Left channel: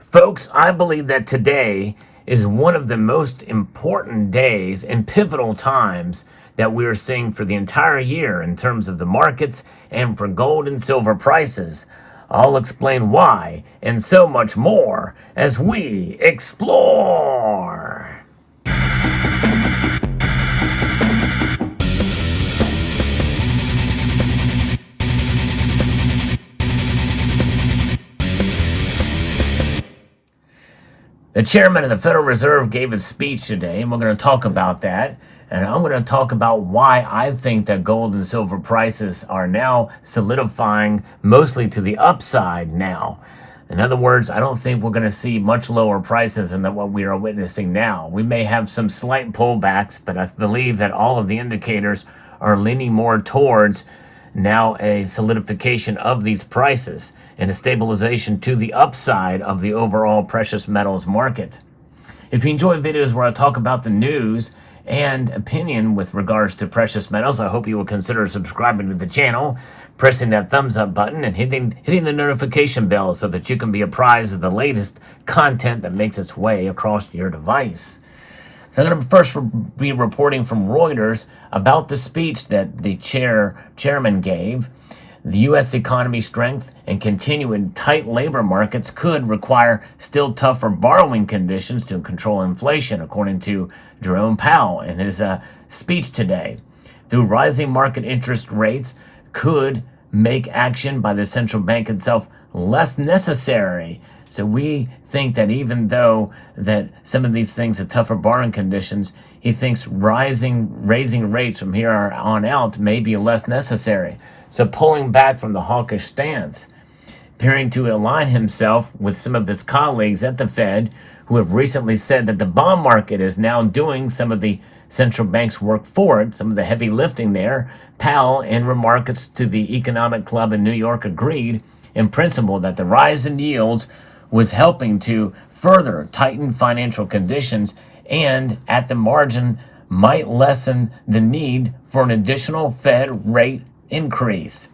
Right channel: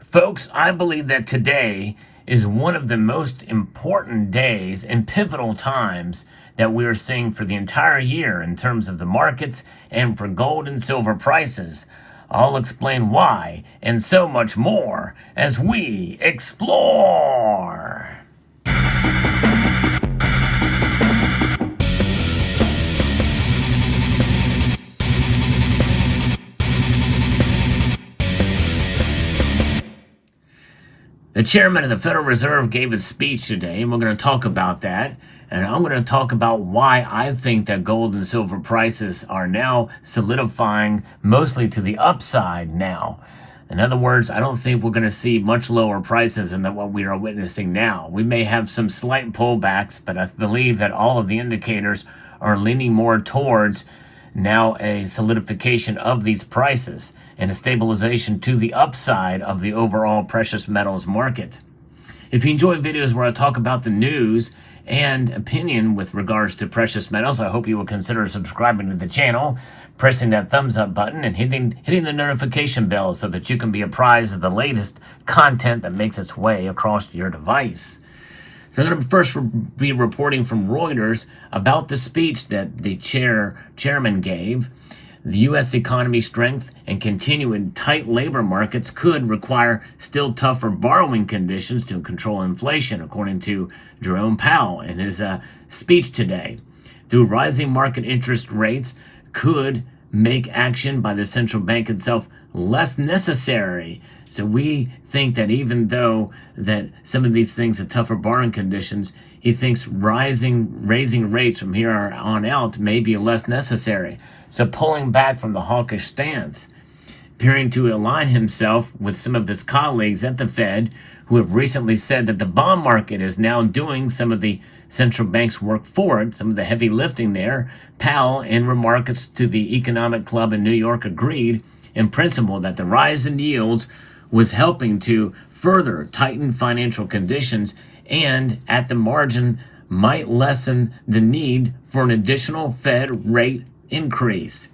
Folks, I believe that today is one of the most important days and pivotal times that we are seeing for the entire year in terms of the markets and for gold and silver prices. I'll explain why and so much more as we explore. The chairman of the Federal Reserve gave a speech today, and we're going to talk about that. And I'm going to talk about why I think that gold and silver prices are now solidifying mostly to the upside now. In other words, I don't think we're going to see much lower prices than what we are witnessing now. We may have some slight pullbacks, but I believe that all of the indicators are leaning more towards now a solidification of these prices and a stabilization to the upside of the overall precious metals market. If you enjoy videos where I talk about the news and opinion with regards to precious metals, I hope you will consider subscribing to the channel, pressing that thumbs up button, and hitting the notification bell so that you can be apprised of the latest content that makes its way across your device. So I'm going to first be reporting from Reuters about the speech that the chairman gave. The U.S. economy strength and continuing tight labor markets could require still tougher borrowing conditions to control inflation, according to Jerome Powell in his speech today. Through rising market interest rates could make action by the central bank itself less necessary. So we think that even though that some of these things are tougher borrowing conditions, he thinks raising rates from here on out may be less necessary. So pulling back from the hawkish stance, appearing to align himself with some of his colleagues at the Fed who have recently said that the bond market is now doing some of the central bank's work for it, some of the heavy lifting there. Powell, in remarks to the Economic Club in New York, agreed in principle that the rise in yields was helping to further tighten financial conditions and at the margin might lessen the need for an additional Fed rate increase.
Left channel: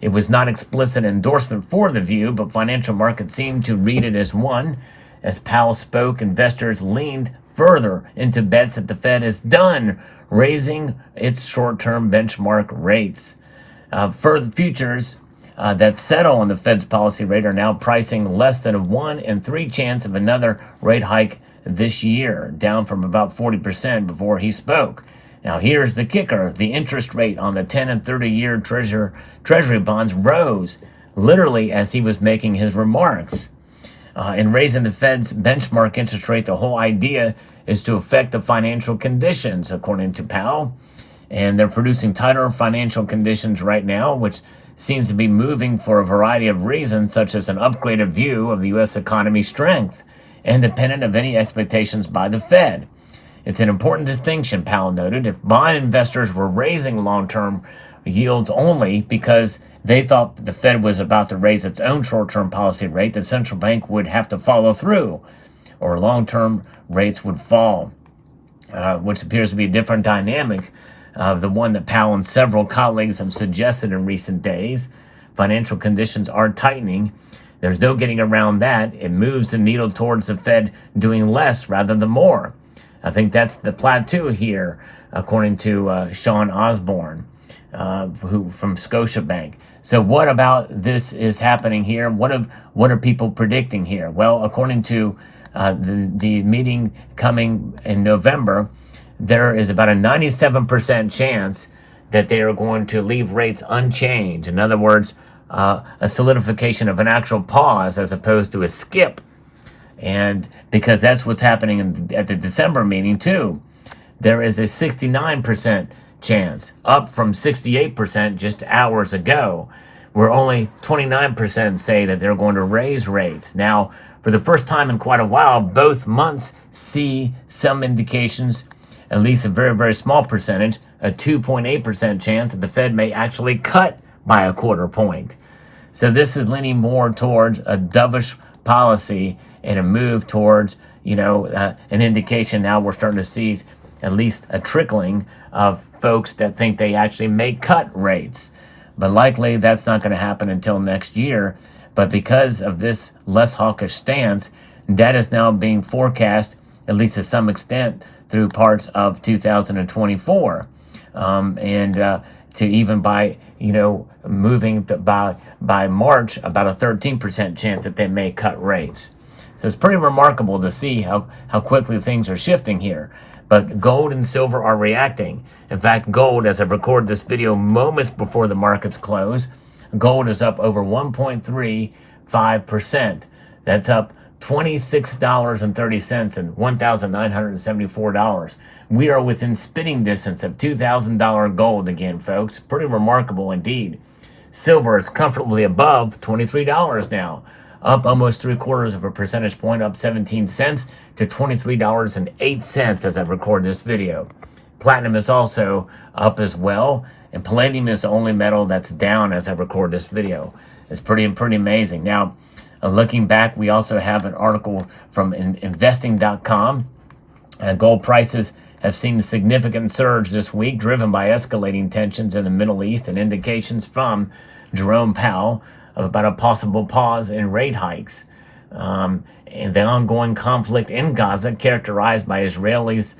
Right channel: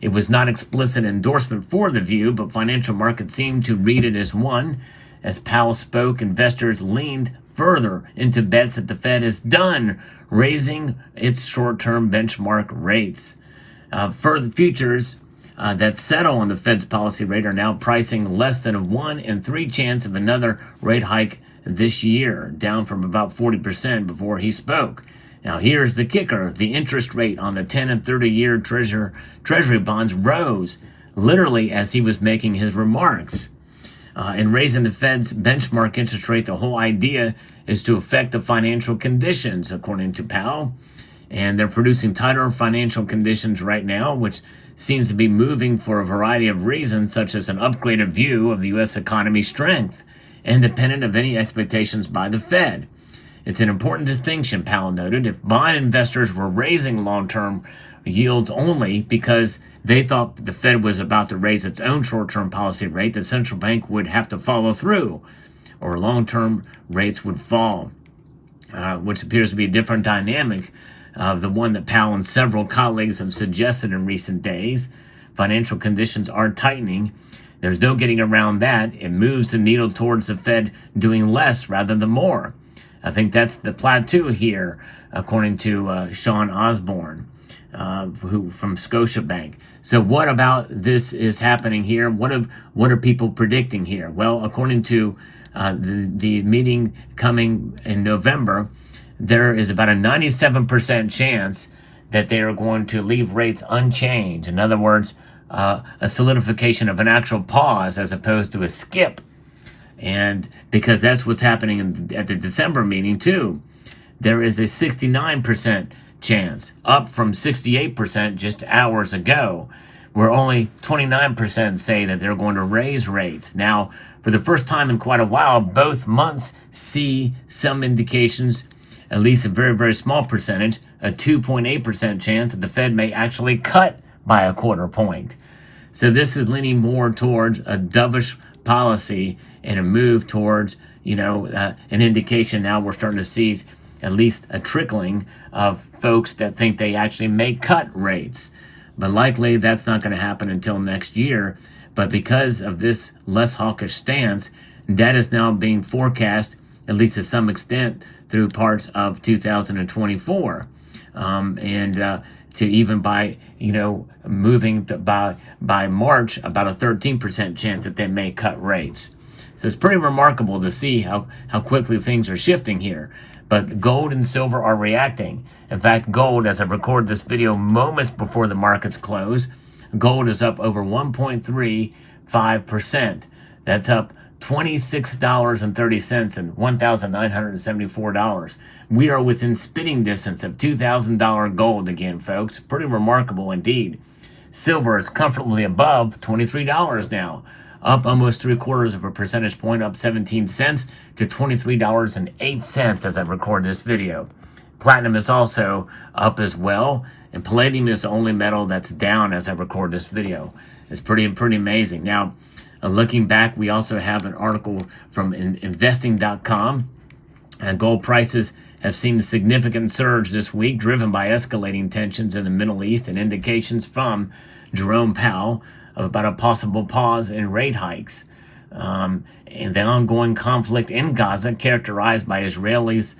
It was not explicit endorsement for the view, but financial markets seemed to read it as one. As Powell spoke, investors leaned further into bets that the Fed is done raising its short-term benchmark rates. Further futures that settle on the Fed's policy rate are now pricing less than a 1 in 3 chance of another rate hike this year, down from about 40% before he spoke. Now here's the kicker. The interest rate on the 10 and 30-year treasury bonds rose literally as he was making his remarks. In raising the Fed's benchmark interest rate, the whole idea is to affect the financial conditions, according to Powell. And they're producing tighter financial conditions right now, which seems to be moving for a variety of reasons, such as an upgraded view of the U.S. economy's strength, independent of any expectations by the Fed. It's an important distinction, Powell noted. If bond investors were raising long-term yields only because they thought the Fed was about to raise its own short-term policy rate, the central bank would have to follow through, or long-term rates would fall, which appears to be a different dynamic of the one that Powell and several colleagues have suggested in recent days. Financial conditions are tightening. There's no getting around that. It moves the needle towards the Fed doing less rather than more. I think that's the plateau here, according to Sean Osborne, from Scotiabank. So what about this is happening here? What are people predicting here? Well, according to the meeting coming in November, there is about a 97% chance that they are going to leave rates unchanged. In other words, a solidification of an actual pause as opposed to a skip. And because that's what's happening at the December meeting too. There is a 69% chance, up from 68% just hours ago, where only 29% say that they're going to raise rates. Now, for the first time in quite a while, both months see some indications, at least a very, very small percentage, a 2.8% chance that the Fed may actually cut by a quarter point. So this is leaning more towards a dovish policy and a move towards, an indication now we're starting to see at least a trickling of folks that think they actually may cut rates. But likely that's not going to happen until next year. But because of this less hawkish stance, that is now being forecast, at least to some extent, through parts of 2024. To even by, moving by March, about a 13% chance that they may cut rates. So it's pretty remarkable to see how quickly things are shifting here. But gold and silver are reacting. In fact, gold, as I record this video moments before the markets close, gold is up over 1.35%. That's up $26.30 and $1,974. We are within spitting distance of $2,000 gold again, folks. Pretty remarkable indeed. Silver is comfortably above $23 now, up almost 3/4 of a percentage point, up 17 cents to $23.08 as I record this video. Platinum is also up as well, and palladium is the only metal that's down as I record this video. It's pretty amazing. Now, looking back, we also have an article from investing.com. Gold prices have seen a significant surge this week, driven by escalating tensions in the Middle East and indications from Jerome Powell about a possible pause in rate hikes. And the ongoing conflict in Gaza, characterized by Israel's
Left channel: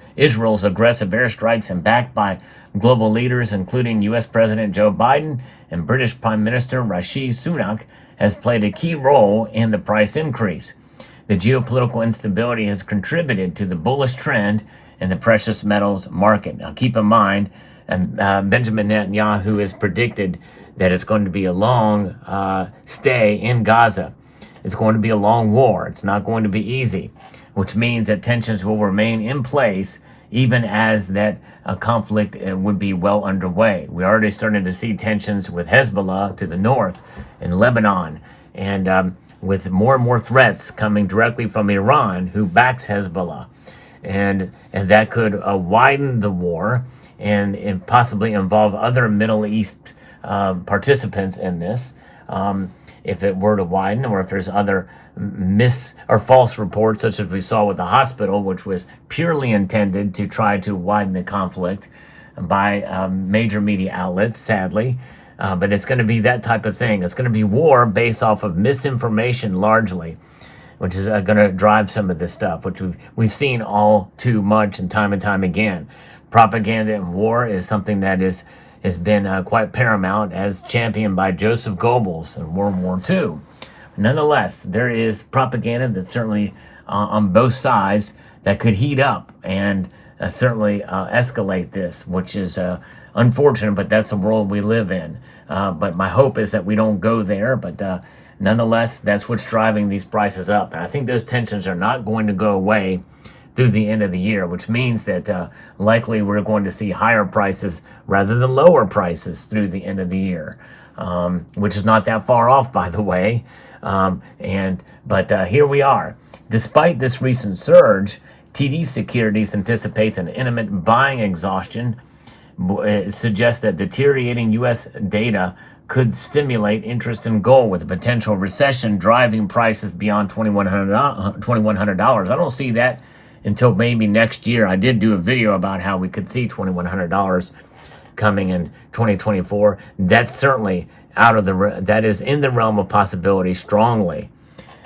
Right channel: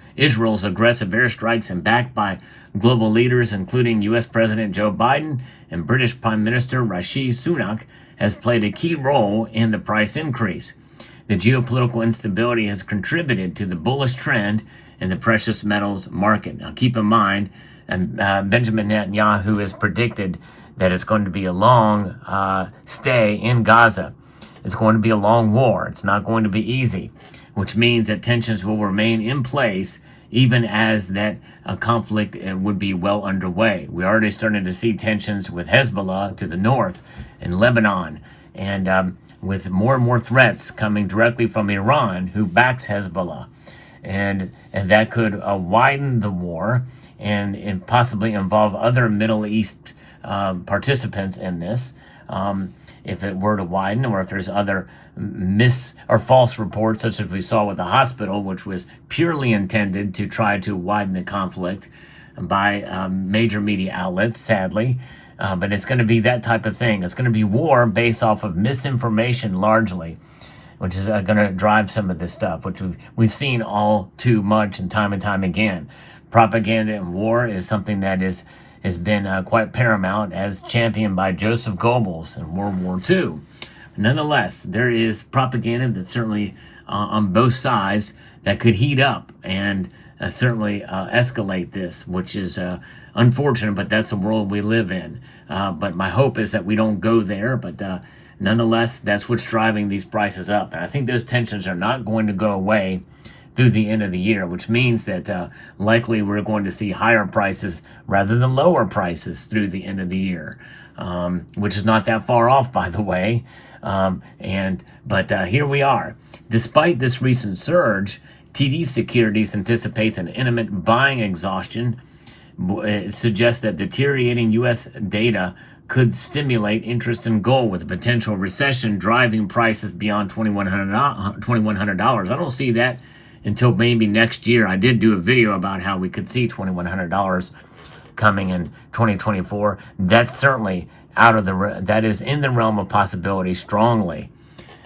aggressive airstrikes and backed by global leaders, including U.S. President Joe Biden and British Prime Minister Rishi Sunak, has played a key role in the price increase. The geopolitical instability has contributed to the bullish trend in the precious metals market. Now, keep in mind, Benjamin Netanyahu has predicted that it's going to be a long stay in Gaza. It's going to be a long war. It's not going to be easy, which means that tensions will remain in place even as that conflict would be well underway. We're already starting to see tensions with Hezbollah to the north in Lebanon, and with more and more threats coming directly from Iran, who backs Hezbollah. And that could widen the war and possibly involve other Middle East participants in this. If it were to widen, or if there's other false reports, such as we saw with the hospital, which was purely intended to try to widen the conflict by major media outlets, sadly. But it's going to be that type of thing. It's going to be war based off of misinformation largely, which is going to drive some of this stuff, which we've seen all too much and time again. Propaganda and war is something that has been quite paramount, as championed by Joseph Goebbels in World War II. Nonetheless, there is propaganda that's certainly on both sides that could heat up and certainly escalate this, which is unfortunate, but that's the world we live in. But my hope is that we don't go there, but nonetheless, that's what's driving these prices up. And I think those tensions are not going to go away through the end of the year, which means that likely we're going to see higher prices rather than lower prices through the end of the year, which is not that far off, by the way. But here we are. Despite this recent surge, TD Securities anticipates an imminent buying exhaustion. It suggests that deteriorating U.S. data could stimulate interest in gold, with a potential recession driving prices beyond $2,100. I don't see that until maybe next year. I did do a video about how we could see $2,100 coming in 2024. That's certainly that is in the realm of possibility strongly.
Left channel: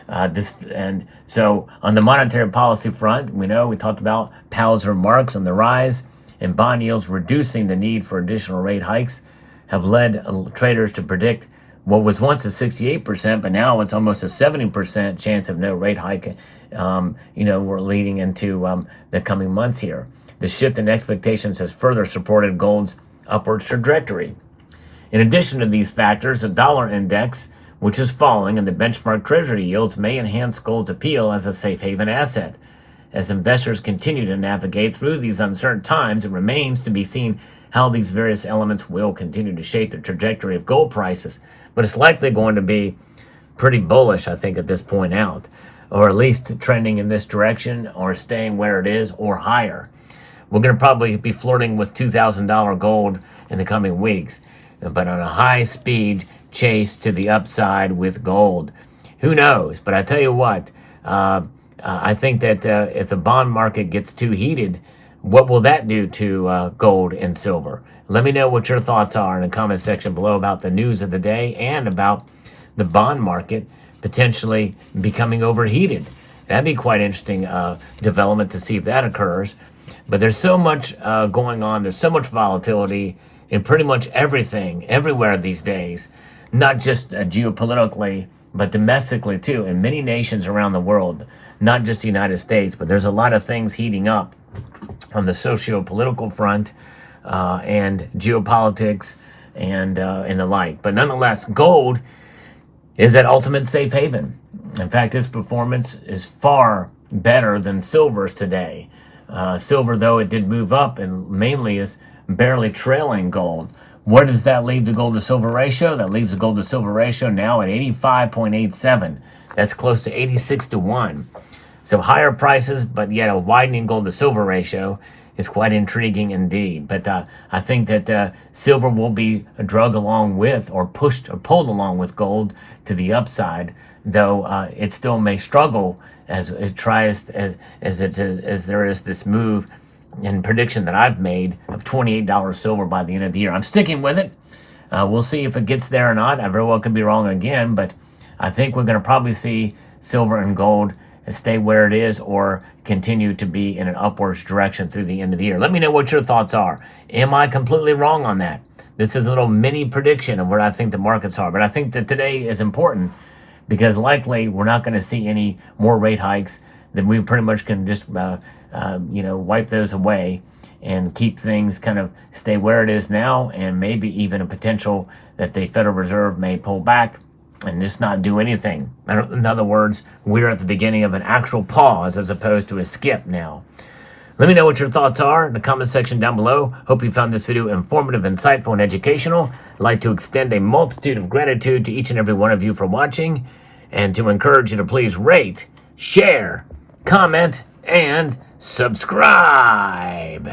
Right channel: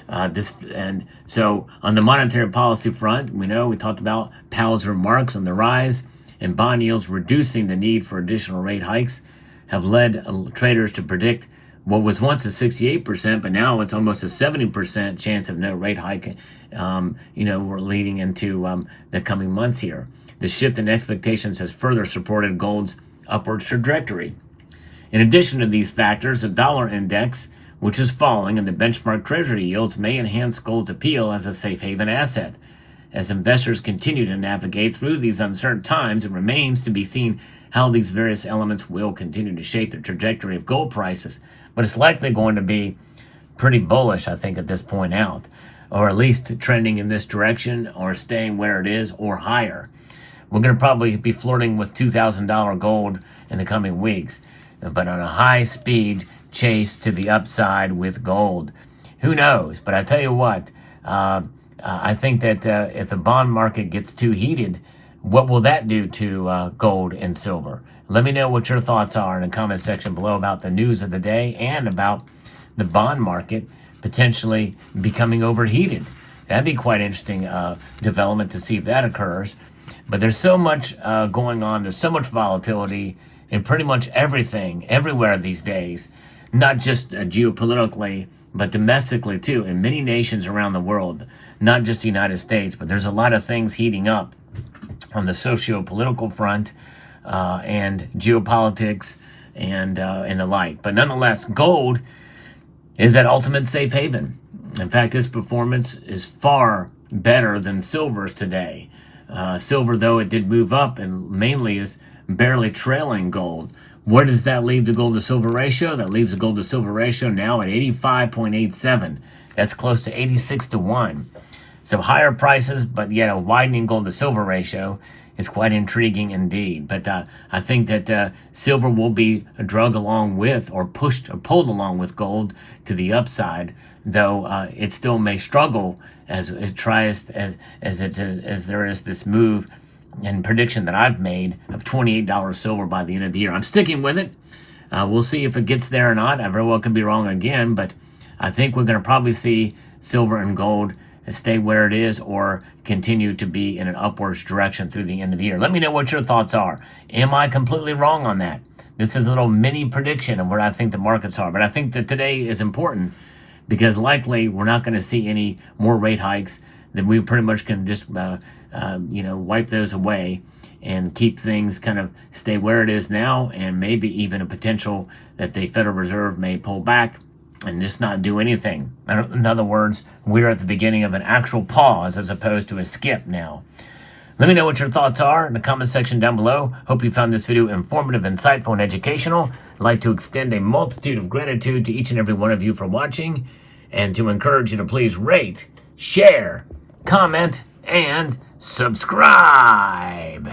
And so on the monetary policy front, we talked about Powell's remarks on the rise and bond yields reducing the need for additional rate hikes have led traders to predict what was once a 68%, but now it's almost a 70% chance of no rate hike. We're leading into the coming months here. The shift in expectations has further supported gold's upward trajectory. In addition to these factors, the dollar index, which is falling, and the benchmark treasury yields may enhance gold's appeal as a safe haven asset. As investors continue to navigate through these uncertain times, it remains to be seen how these various elements will continue to shape the trajectory of gold prices. But it's likely going to be pretty bullish, I think, at this point out, or at least trending in this direction, or staying where it is, or higher. We're going to probably be flirting with $2,000 gold in the coming weeks, but on a high-speed chase to the upside with gold. Who knows? But I tell you what, I think that if the bond market gets too heated, what will that do to gold and silver? Let me know what your thoughts are in the comment section below about the news of the day and about the bond market. potentially becoming overheated. That'd be quite interesting development to see if that occurs. But there's so much going on. There's so much volatility in pretty much everything, everywhere these days, not just geopolitically, but domestically too, in many nations around the world, not just the United States, but there's a lot of things heating up on the socio-political front and geopolitics and the like. But nonetheless, gold is that ultimate safe haven. In fact, its performance is far better than silver's today. Silver, though it did move up, and mainly is barely trailing gold. Where does that leave the gold to silver ratio? That leaves the gold to silver ratio now at 85.87. That's close to 86 to 1. So higher prices, but yet a widening gold to silver ratio is quite intriguing indeed. But I think that silver will be dragged along with, or pushed or pulled along with gold to the upside, though it still may struggle as it tries, as there is this move and prediction that I've made of $28 silver by the end of the year. I'm sticking with it. We'll see if it gets there or not. I very well could be wrong again, but I think we're going to probably see silver and gold stay where it is or continue to be in an upwards direction through the end of the year. Let me know what your thoughts are. Am I completely wrong on that? This is a little mini prediction of where I think the markets are, but I think that today is important because likely we're not going to see any more rate hikes. That we pretty much can just wipe those away and keep things kind of stay where it is now, and maybe even a potential that the Federal Reserve may pull back and just not do anything. In other words, we're at the beginning of an actual pause as opposed to a skip now. Let me know what your thoughts are in the comment section down below. Hope you found this video informative, insightful, and educational. I'd like to extend a multitude of gratitude to each and every one of you for watching, and to encourage you to please rate, share, comment, and subscribe.